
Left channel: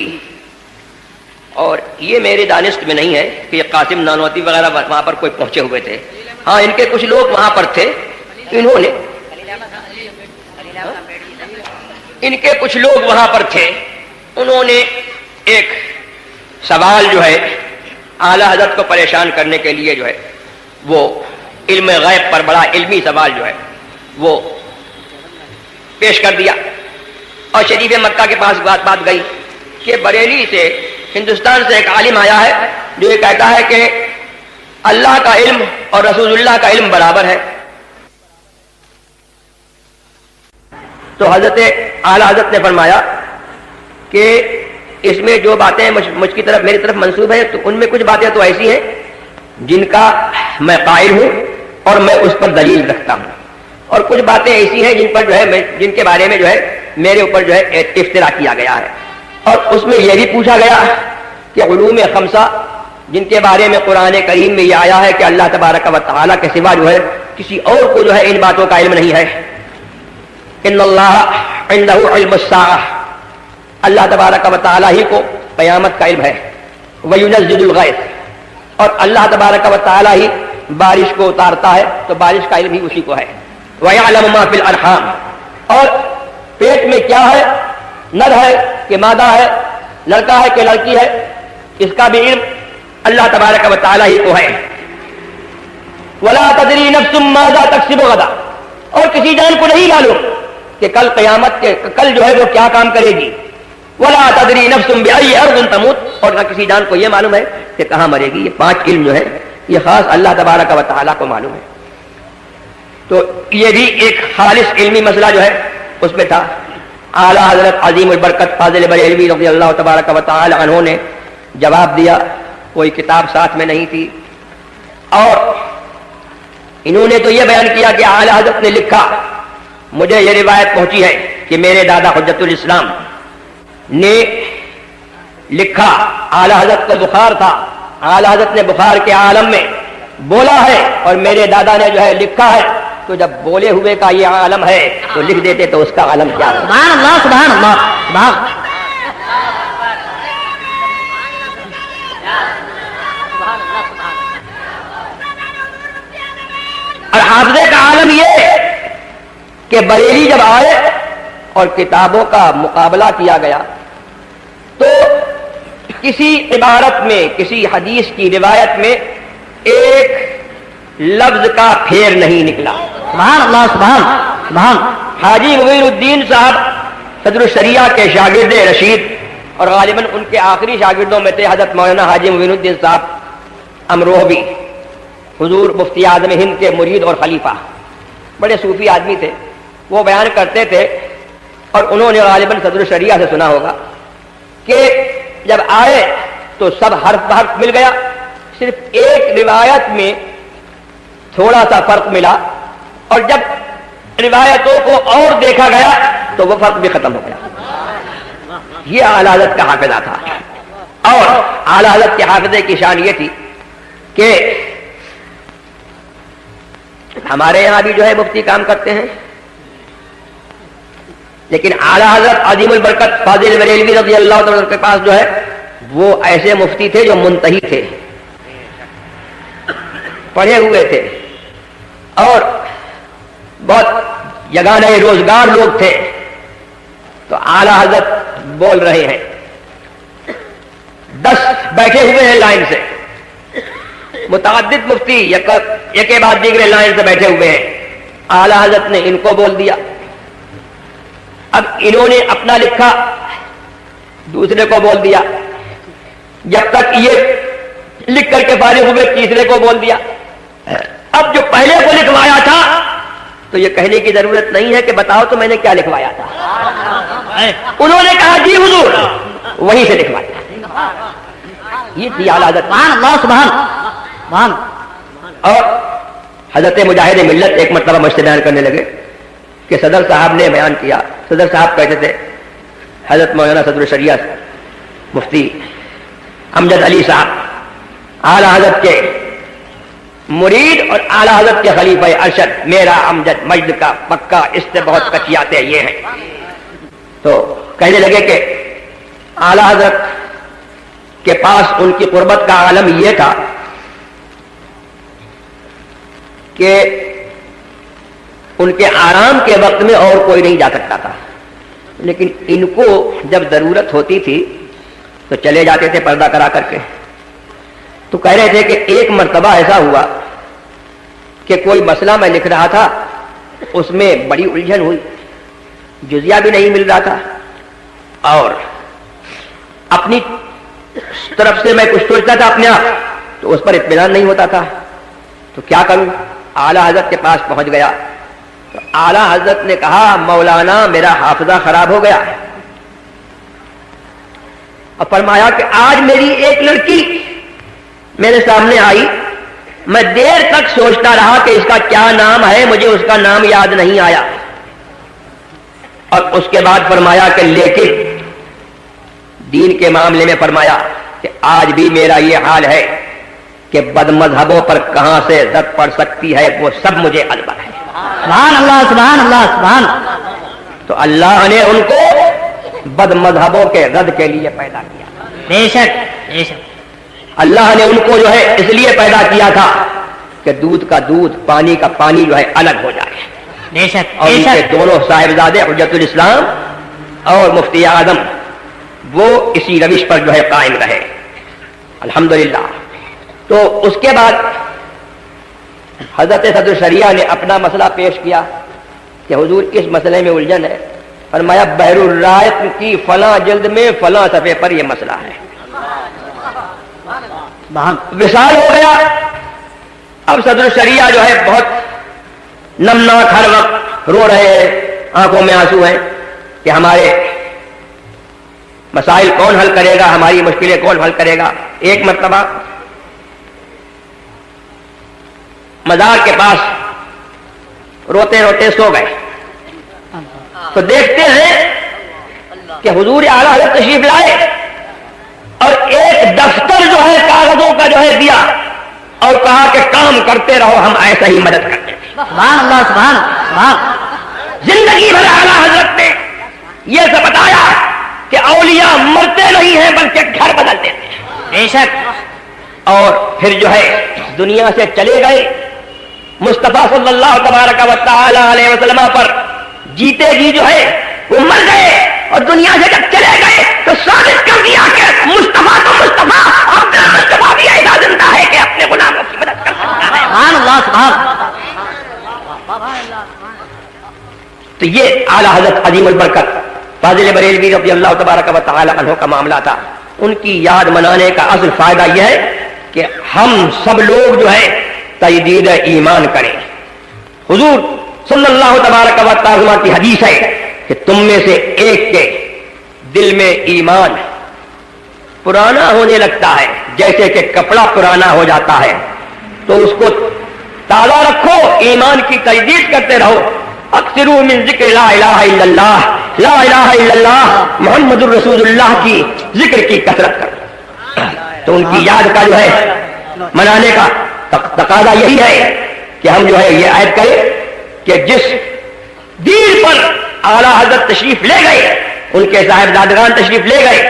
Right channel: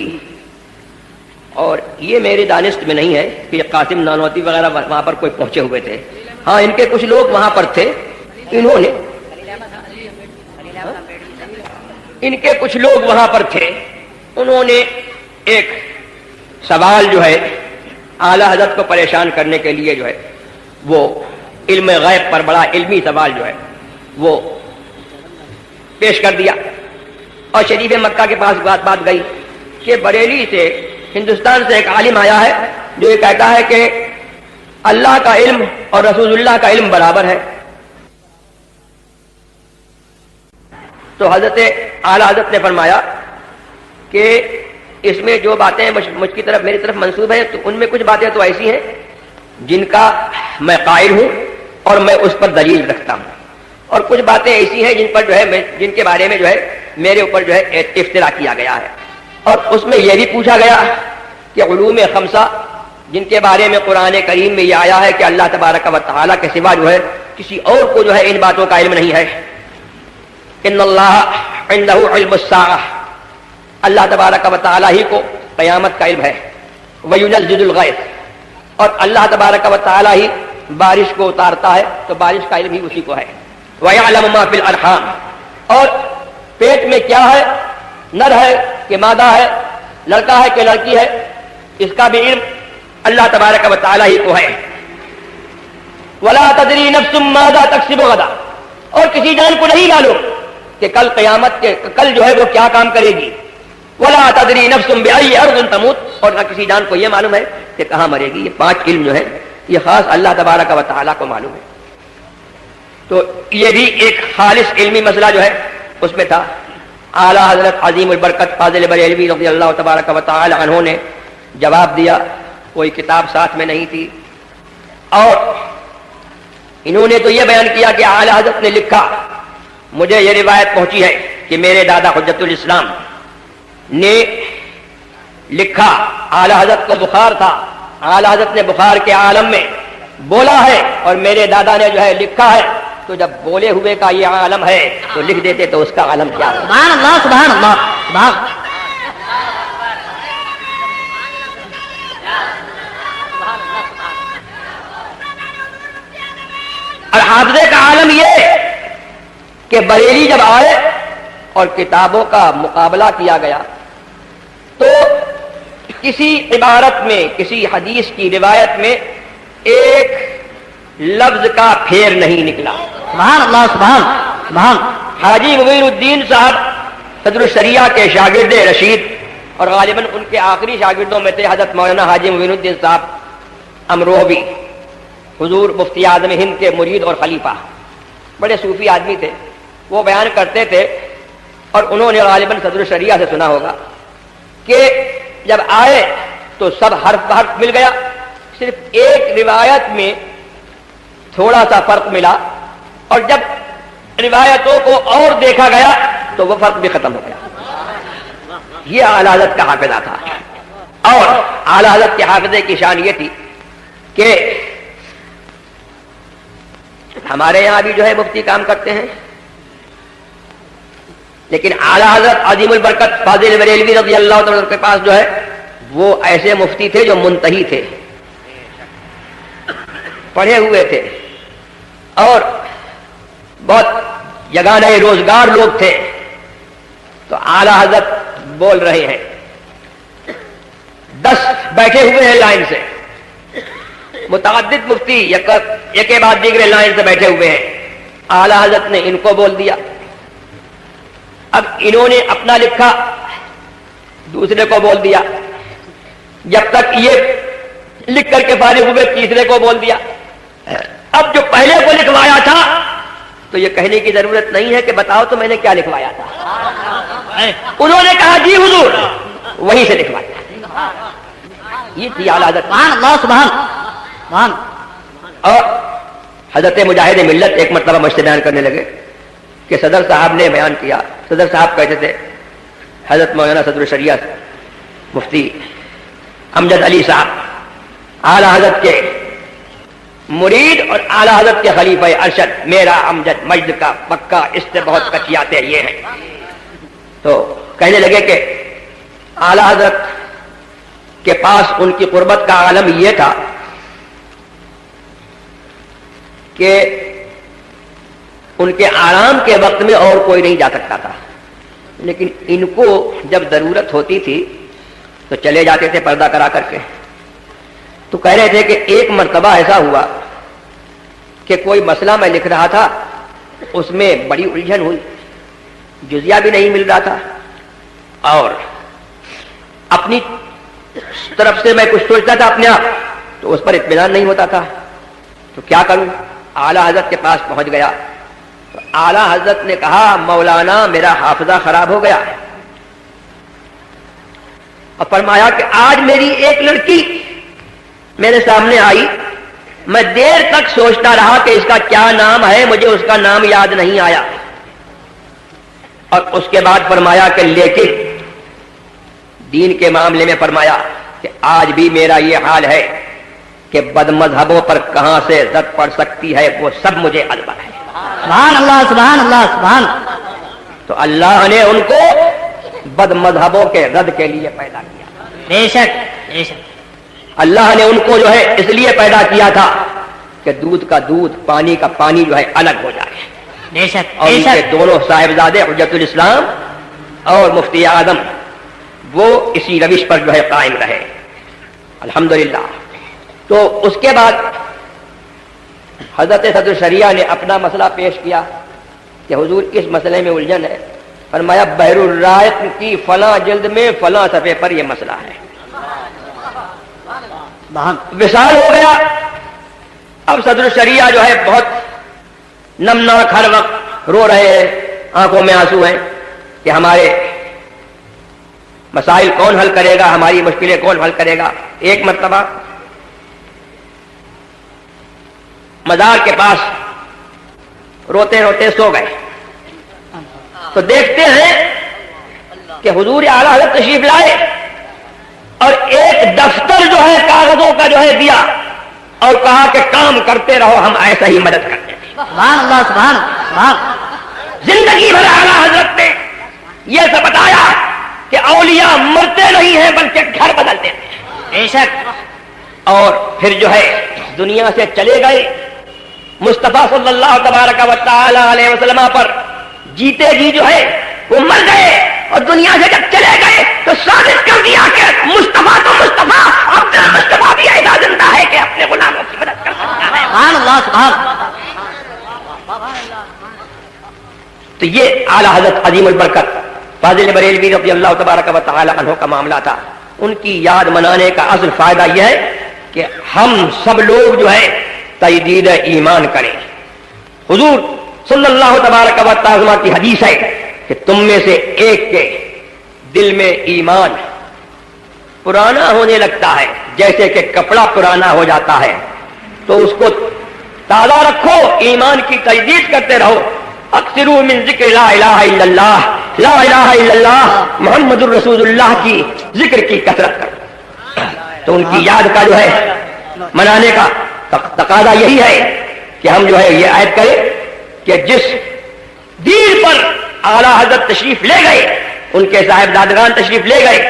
اور یہ میری دانست میں نہیں ہے کہ یہ قاسم نانوتی وغیرہ وہاں پر کوئی پہنچے ہوئے تھے، ہاں ان کے کچھ لوگ وہاں پر تھے، ان کے کچھ لوگ وہاں پر تھے، انہوں نے ایک سوال جو ہے اعلیٰ حضرت کو پریشان کرنے کے لیے جو ہے وہ علم غیب پر بڑا علمی سوال جو ہے وہ پیش کر دیا۔ اور شریف مکہ کے پاس بات گئی کہ بریلی سے ہندوستان سے ایک عالم آیا ہے جو یہ کہتا ہے کہ اللہ کا علم اور رسول اللہ کا علم برابر ہے. تو حضرت اعلی حضرت نے فرمایا کہ اس میں جو باتیں مجھ کی طرف میری طرف منسوب ہیں تو ان میں کچھ باتیں تو ایسی ہیں جن کا میں قائل ہوں اور میں اس پر دلیل رکھتا ہوں، اور کچھ باتیں ایسی ہیں جن پر جو ہے جن کے بارے میں جو ہے میرے اوپر جو ہے افترا کیا گیا ہے. اور اس میں یہ بھی پوچھا گیا کہ علوم خمسہ جن کے بارے میں قرآن کریم میں یہ آیا ہے کہ اللہ تبارک و تعالیٰ کے سوا جو ہے کسی اور کو جو ہے ان باتوں کا علم نہیں ہے. ان اللہ عنده علم الساعہ، اللہ تبارک و تعالیٰ ہی کو قیامت کا علم ہے. وینزل الغیث، اور اللہ تبارک و تعالیٰ ہی بارش کو اتارتا ہے تو بارش کا علم ہی اسی کو ہے. وَيَعْلَمُ مَا فِي الْأَرْحَامِ، اور پیٹ میں کیا ہے، نر ہے کہ مادہ ہے، لڑکا ہے کہ لڑکی ہے، اس کا بھی علم اللہ تبارک و تعالیٰ ہی کو ہے. وَلَا تَدْرِي نَفْسٌ مَاذَا تَكْسِبُ غَدًا، اور کسی جان کو نہیں معلوم کہ کل قیامت کے کل جو ہے وہ کیا کام کرے گی. وَلَا تَدْرِي نَفْسٌ بِأَيِّ أَرْضٍ تَمُوتُ، اور نہ کسی جان کو یہ معلوم ہے کہ کہاں مرے گی. یہ 5 علم جو ہے یہ خاص اللہ تبارک و تعالیٰ کو معلوم ہے. تو یہ بھی ایک خالص علمی مسئلہ جو ہے اس میں تھا. اعلیٰ حضرت عظیم البرکت فاضل بریلوی رضی اللہ تبارک و تعالی عنہ نے جواب دیا. کوئی کتاب ساتھ میں نہیں تھی، اور انہوں نے تو یہ بیان کیا کہ اعلیٰ حضرت نے لکھا، مجھے یہ روایت پہنچی ہے کہ میرے دادا حجت الاسلام نے لکھا. اعلیٰ حضرت کو بخار تھا، اعلیٰ حضرت نے بخار کے عالم میں بولا ہے اور میرے دادا نے جو ہے لکھا ہے. تو جب بولے ہوئے کا یہ عالم ہے تو لکھ دیتے تو اس کا عالم کیا ہے. سبحان اللہ سبحان اللہ سبحان. اور حافظے کا عالم یہ کہ بریلی جب آئے اور کتابوں کا مقابلہ کیا گیا تو کسی عبارت میں کسی حدیث کی روایت میں ایک لفظ کا پھیر نہیں نکلا. سبحان اللہ سبحان سبحان. حاجی معین الدین صاحب صدر الشریعہ کے شاگرد رشید اور غالباً ان کے آخری شاگردوں میں تھے حضرت مولانا حاجی معین الدین صاحب امروہوی، حضور مفتی اعظم ہند کے مرید اور خلیفہ، بڑے صوفی آدمی تھے. وہ بیان کرتے تھے اور انہوں نے غالباً صدر الشریعہ سے سنا ہوگا کہ جب آئے تو سب حرف بحرف مل گیا، صرف ایک روایت میں تھوڑا سا فرق ملا، اور جب روایتوں کو اور دیکھا گیا تو وہ فرق بھی ختم ہو گیا. یہ اعلیٰ حضرت کا حافظہ تھا. اور اعلیٰ حضرت کے حافظے کی شان یہ تھی کہ ہمارے یہاں بھی جو ہے مفتی کام کرتے ہیں، لیکن اعلیٰ حضرت عظیم البرکت فاضل بریلوی رضی اللہ تعالیٰ کے پاس جو ہے وہ ایسے مفتی تھے جو منتہی تھے، پڑھے ہوئے تھے اور بہت یگانہ روزگار لوگ تھے. تو اعلیٰ حضرت بول رہے ہیں، 10 بیٹھے ہوئے ہیں لائن سے، متعدد مفتی یک کے بعد دیگرے لائن سے بیٹھے ہوئے ہیں. اعلیٰ حضرت نے ان کو بول دیا. اب انہوں نے اپنا لکھا دوسرے کو بول دیا، جب تک یہ لکھ کر کے فارغ ہوئے تیسرے کو بول دیا. اب جو پہلے کو لکھوایا تھا تو یہ کہنے کی ضرورت نہیں ہے کہ بتاؤ تو میں نے کیا لکھوایا تھا. انہوں نے کہا جی حضور، وہیں سے لکھوایا. یہ تھی اعلیٰ حضرت. سبحان اللہ سبحان سبحان. اور حضرت مجاہد ملت ایک مرتبہ مجھ سے بیان کرنے لگے کہ صدر صاحب نے بیان کیا. صدر صاحب کہتے تھے حضرت مولانا صدر الشریعہ مفتی امجد علی صاحب اعلیٰ حضرت کے مرید اور اعلیٰ حضرت کے خلیفہ ارشد، میرا امجد مجد کا پکا، اس سے بہت کچیاتے یہ ہیں. تو کہنے لگے کہ اعلیٰ حضرت کے پاس ان کی قربت کا عالم یہ تھا کہ ان کے آرام کے وقت میں اور کوئی نہیں جا سکتا تھا، لیکن ان کو جب ضرورت ہوتی تھی تو چلے جاتے تھے پردہ کرا کر کے. تو کہہ رہے تھے کہ ایک مرتبہ ایسا ہوا کہ کوئی مسئلہ میں لکھ رہا تھا، اس میں بڑی الجھن ہوئی، جزیہ بھی نہیں مل رہا تھا اور اپنی طرف سے میں کچھ سوچتا تھا اپنے آپ تو اس پر اطمینان نہیں ہوتا تھا، تو کیا کروں؟ اعلیٰ حضرت کے پاس پہنچ گیا تو اعلیٰ حضرت نے کہا مولانا میرا حافظہ خراب ہو گیا، اور فرمایا کہ آج میری ایک لڑکی میرے سامنے آئی، میں دیر تک سوچتا رہا کہ اس کا کیا نام ہے، مجھے اس کا نام یاد نہیں آیا، اور اس کے بعد فرمایا کہ لیکن دین کے معاملے میں فرمایا کہ آج بھی میرا یہ حال ہے کہ بد مذہبوں پر کہاں سے زد پڑ سکتی ہے وہ سب مجھے علم ہے۔ سبحان اللہ سبحان اللہ سبحان۔ تو اللہ نے ان کو بد مذہبوں کے رد کے لیے پیدا کیا، بے شک بے شک۔ اللہ نے ان کو جو ہے اس لیے پیدا کیا تھا کہ دودھ کا دودھ پانی کا پانی جو ہے الگ ہو جائے، بے شک اور بے ان کے شک۔ دونوں صاحبزادے حجت الاسلام اور مفتی اعظم وہ اسی روش پر جو ہے قائم رہے الحمدللہ۔ تو اس کے بعد حضرت صدر شریعہ نے اپنا مسئلہ پیش کیا کہ حضور اس مسئلے میں الجھن ہے، فرمایا بحر الرائق کی فلاں جلد میں فلاں صفحے پر یہ مسئلہ ہے، وصال ہو گیا۔ اب صدر شریعہ جو ہے بہت نمناک ہر وقت رو رہے ہیں، آنکھوں میں آنسو ہیں کہ ہمارے مسائل کون حل کرے گا، ہماری مشکلیں کون حل کرے گا۔ ایک مرتبہ مزار کے پاس روتے روتے سو گئے تو دیکھتے ہیں کہ حضور اعلیٰ حضرت تشریف لائے اور ایک دفتر جو ہے کاغذوں کا جو ہے دیا اور کہا کہ کام کرتے رہو، ہم ایسا ہی مدد کرتے ہیں۔ سبحان اللہ سبحان سبحان۔ زندگی بھر اعلیٰ حضرت نے یہ سب بتایا کہ اولیاء مرتے نہیں ہیں بلکہ گھر بدلتے ہیں، بے شک۔ اور پھر جو ہے دنیا سے چلے گئے، مصطفیٰ صلی اللہ تبارک و تعالی علیہ وسلم پر جیتے جی جو ہے وہ مر گئے، اور دنیا سے جب چلے گئے تو ثابت کر دیا کہ مصطفیٰ تو مصطفیٰ، اپنا مصطفیٰ بھی ایسا زندہ ہے کہ اپنے غلاموں کی مدد کر سکتا ہے۔ سبحان اللہ سبحان۔ تو یہ اعلیٰ حضرت عظیم البرکت فاضل بریلوی رضی اللہ تبارک و تعالی عنہ کا معاملہ تھا۔ ان کی یاد منانے کا اصل فائدہ یہ ہے کہ ہم سب لوگ جو ہے تجدید ایمان کریں۔ حضور صلی اللہ تبارک و تعالی کی حدیث ہے کہ تم میں سے ایک کے دل میں ایمان پرانا ہونے لگتا ہے جیسے کہ کپڑا پرانا ہو جاتا ہے، تو اس کو تازہ رکھو، ایمان کی تجدید کرتے رہو۔ اکثروا من ذکر لا الہ الا اللہ، لا الہ الا اللہ محمد الرسول اللہ کی ذکر کی کثرت کرو۔ تو ان کی یاد کا جو ہے منانے کا تقاضا یہی ہے کہ ہم جو ہے یہ عہد کریں کہ جس دین پر اعلیٰ حضرت تشریف لے گئے، ان کے صاحبزادگان تشریف لے گئے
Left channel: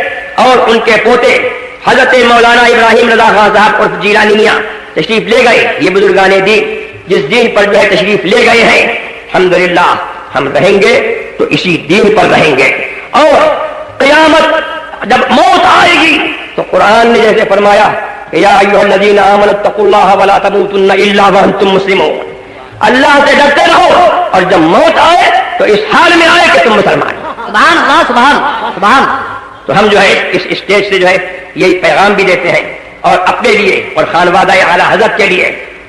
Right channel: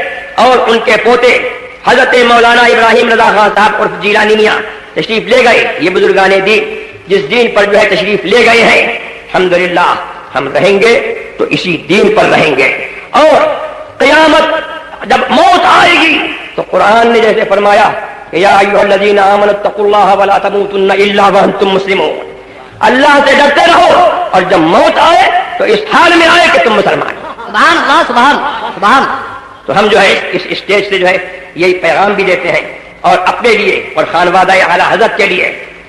اور ان کے پوتے حضرت مولانا ابراہیم رضا خان صاحب اور جیلانی میاں تشریف لے گئے، یہ بزرگان دین جس دین پر جو ہے تشریف لے گئے ہیں، الحمدللہ ہم رہیں گے تو اسی دین پر رہیں گے۔ اور قیامت جب موت آئے گی تو قرآن نے جیسے فرمایا یا ایھا الذین آمنوا اتقوا اللہ ولا تموتن الا وانتم مسلمون، اللہ سے ڈرتے رہو اور جب موت آئے تو اس حال میں آئے کہ تم مسلمان۔ سبحان اللہ سبحان سبحان۔ تو ہم جو ہے اس اسٹیج سے جو ہے یہی پیغام بھی دیتے ہیں، اور اپنے لیے اور خانوادہ اعلیٰ حضرت کے لیے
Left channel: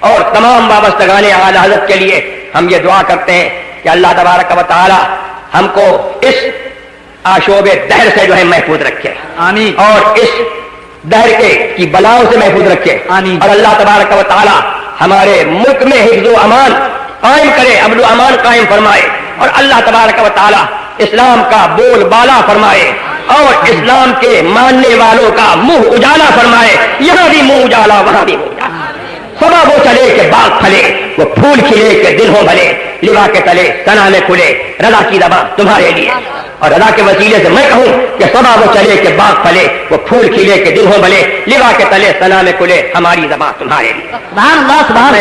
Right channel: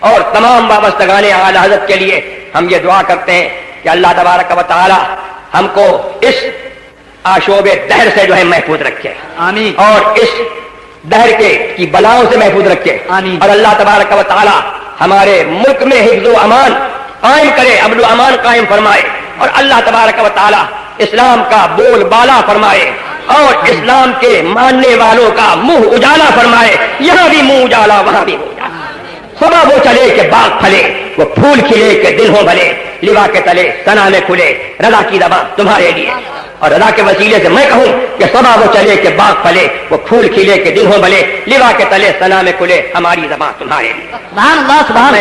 اور تمام وابستگان اعلیٰ حضرت کے لیے ہم یہ دعا کرتے ہیں کہ اللہ تبارک و تعالی ہم کو اس آشوب دہر سے جو ہے محفوظ رکھے، آمین، اور اس دہر کی بلاؤں سے محفوظ رکھے، آمین، اور اللہ تبارک و تعالی ہمارے ملک میں حفظ و امان قائم کرے، امن و امان قائم فرمائے، اور اللہ تبارک و تعالی اسلام کا بول بالا فرمائے اور اسلام کے ماننے والوں کا منہ اجالا فرمائے، یہاں بھی منہ اجالا وہاں بھی منہ اجالا، سبا وہ چلے کہ باغ پھلے، وہ پھول کھلے کہ دل ہو بھرے، لوا کے تلے سنا میں کھلے، رضا کی ربا تمہارے لیے، اور رضا کے وسیلے سے میں کہوں کہ سبا وہ چلے کہ باغ پھلے، وہ پھول کھلے کہ دل ہو بھلے، لوا کے تلے سنا میں کھلے، ہماری زبان تمہارے لیے۔ سبحان اللہ سبحان۔